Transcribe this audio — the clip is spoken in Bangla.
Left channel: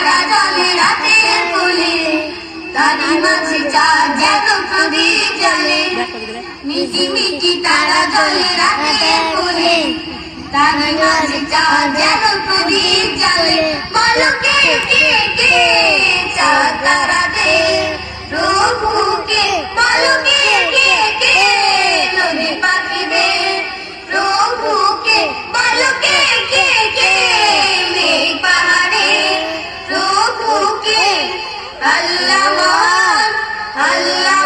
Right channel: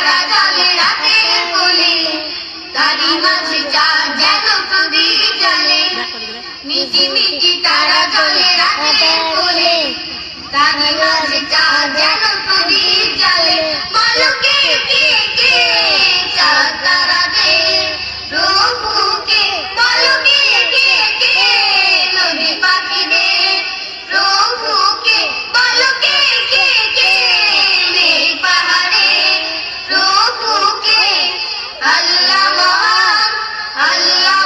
তারা জলে রাতের কোলে, তারি মাঝে চাঁদ যেন প্রদীপ জ্বলে। মিটি মিটি তারা জলে রাতের কোলে, তারি মাঝে চাঁদ যেন প্রদীপ জ্বলে। বলো কে কে কে চাঁদ তারাদের প্রভুকে, বলো কে কে কে নদী পাখিদের প্রভুকে, বলো কে কে কে মেঘ পাহাড়ে প্রভুকে। আল্লাহ মহান, আল্লাহ